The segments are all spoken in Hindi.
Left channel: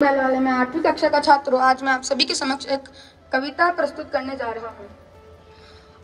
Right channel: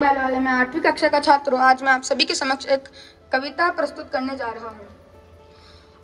मैं 8वीं कक्षा का छात्र हूँ। आज मैं आप सभी के समक्ष एक कविता प्रस्तुत करने जा रहा हूँ।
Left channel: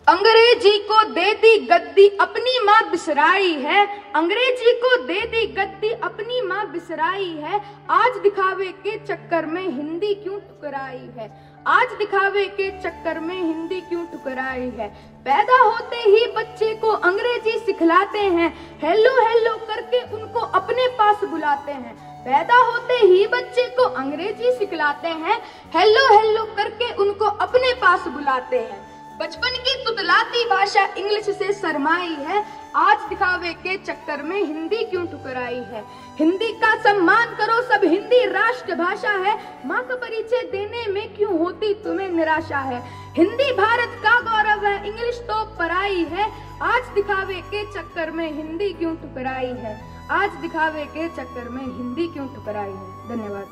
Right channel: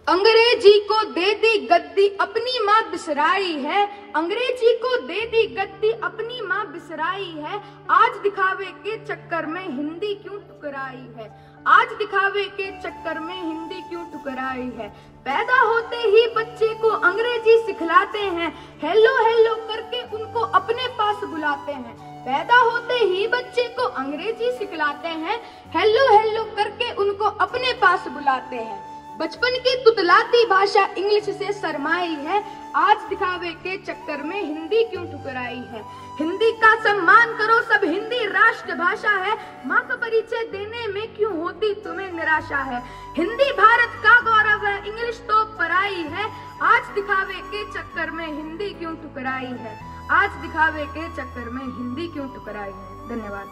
अंग्रेजी को दे दी गद्दी अपनी माँ बिसराई है, अंग्रेजी को दे दी गद्दी अपनी माँ बिसराई है। आज दिखावे के चक्कर में हिंदी क्यों ठुकराई है, आज दिखावे के चक्कर में हिंदी क्यों ठुकराई है। पैदा होते ही बच्चे को अंग्रेजी सिखलाते हैं, हेलो हेलो करके उनको अपने पास बुलाते हैं। पैदा होते ही बच्चे को अंग्रेजी सिखलाते हैं, हेलो हेलो करके उनको अपने पास बुलाते हैं। बचपन की तुतलाती भाषा इंग्लिश से शर्माई है, आज दिखावे के चक्कर में हिंदी क्यों ठुकराई है। हिंदी का सम्मान करो, सब हिंदी राष्ट्र भाषा है, माँ का परिचय देने में क्यों होती तुम्हें निराशा है। हिंदी भारत का गौरव है, इंग्लिश तो पराई है, आज दिखावे के चक्कर में हिंदी क्यों ठुकराई है, आज दिखावे के चक्कर में हिंदी क्यों ठुकराई है। धन्यवाद।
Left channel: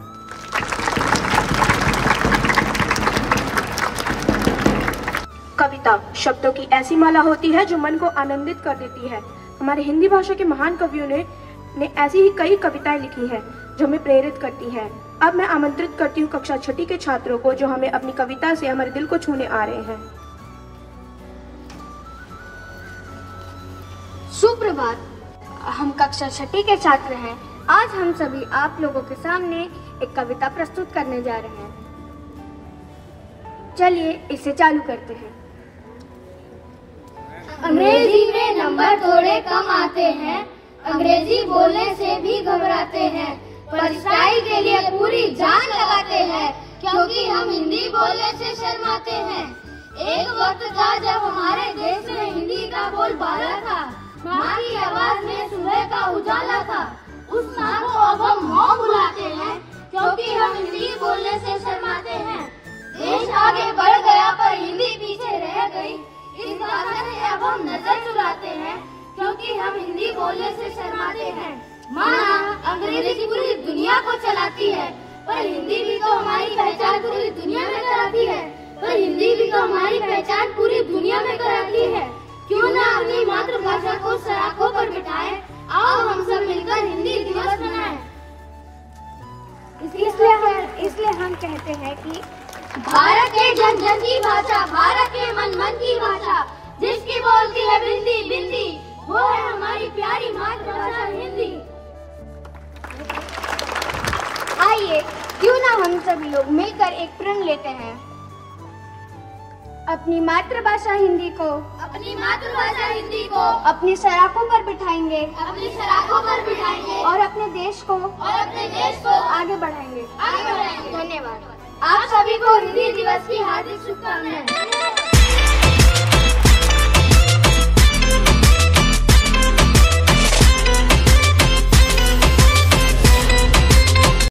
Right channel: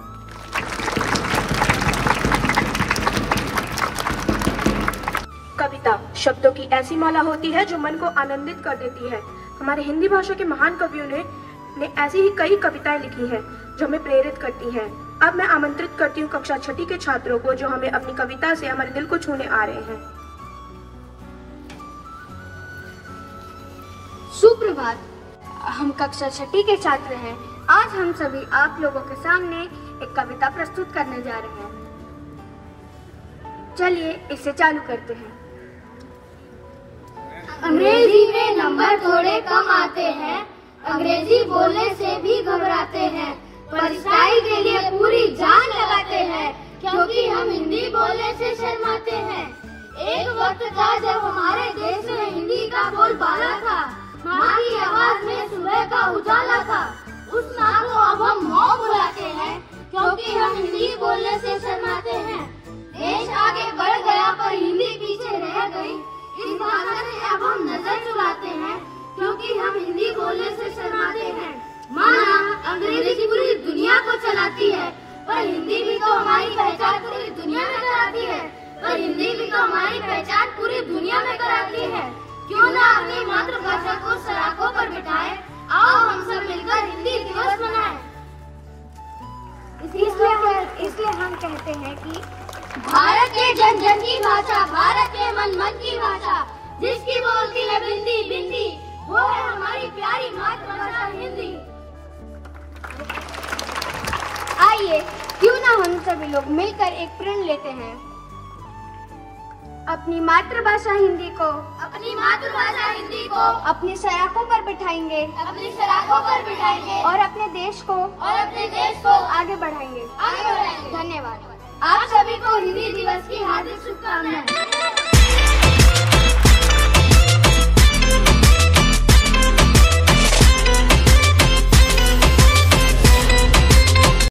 कविता शब्दों की ऐसी माला होती है जो मन को आनंदित कर देती है। हमारे हिंदी भाषा के महान कवियों ने ऐसी ही कई कविताएं लिखी हैं जो हमें प्रेरित करती हैं। अब मैं आमंत्रित करती हूँ कक्षा 6 के छात्रों को जो हमें अपनी कविता से हमारे दिल को छूने आ रहे हैं। सुप्रभात, हम कक्षा 6 के छात्र हैं। आज हम सभी आप लोगों के सामने एक कविता प्रस्तुत करने जा रहे हैं। चलिए इसे चालू करते हैं। अंग्रेजी में नंबर थोड़े कम आते हैं, अंग्रेजी बोलने से भी घबराते हैं, पर स्टाइल के लिए पूरी जान लगाते हैं, क्योंकि हम हिंदी बोलने से शर्माते हैं। एक वक्त था जब हमारे देश में हिंदी का बोलबाला था, माँ की आवाज में सुबह का उजाला था। उस माँ को अब हम माँ बुलाते हैं, क्योंकि हम हिंदी बोलने से शर्माते हैं। देश आगे बढ़ गया पर हिंदी पीछे रह गई, इस भाषा से अब हम नजर चुराते हैं, क्योंकि हम हिंदी बोलने से शर्माते हैं। माँ अंग्रेजी पूरी दुनिया को चलाती है, पर हिंदी भी तो हमारी पहचान पूरी दुनिया में कराती है, पर हिंदी भी तो हमारी पहचान पूरी दुनिया में कराती है। क्यों ना अपनी मातृभाषा को सराखों पर बिठाएं, आओ हम सब मिलकर हिंदी दिवस मनाएं। इसलिए हम कहते हैं कि भारत के जन जन की भाषा, भारत के मन मन की भाषा, जिसकी बोलती है बिंदी बिंदी, वो है हमारी प्यारी मातृभाषा हिंदी। आइए क्यों ना हम सभी लोग मिलकर एक प्रण लेते हैं। अपनी मातृभाषा हिंदी को अपनी सराखों पर बिठाएंगे, और अपने देश को आगे बढ़ाएंगे। धन्यवाद। आप सभी को हिंदी दिवस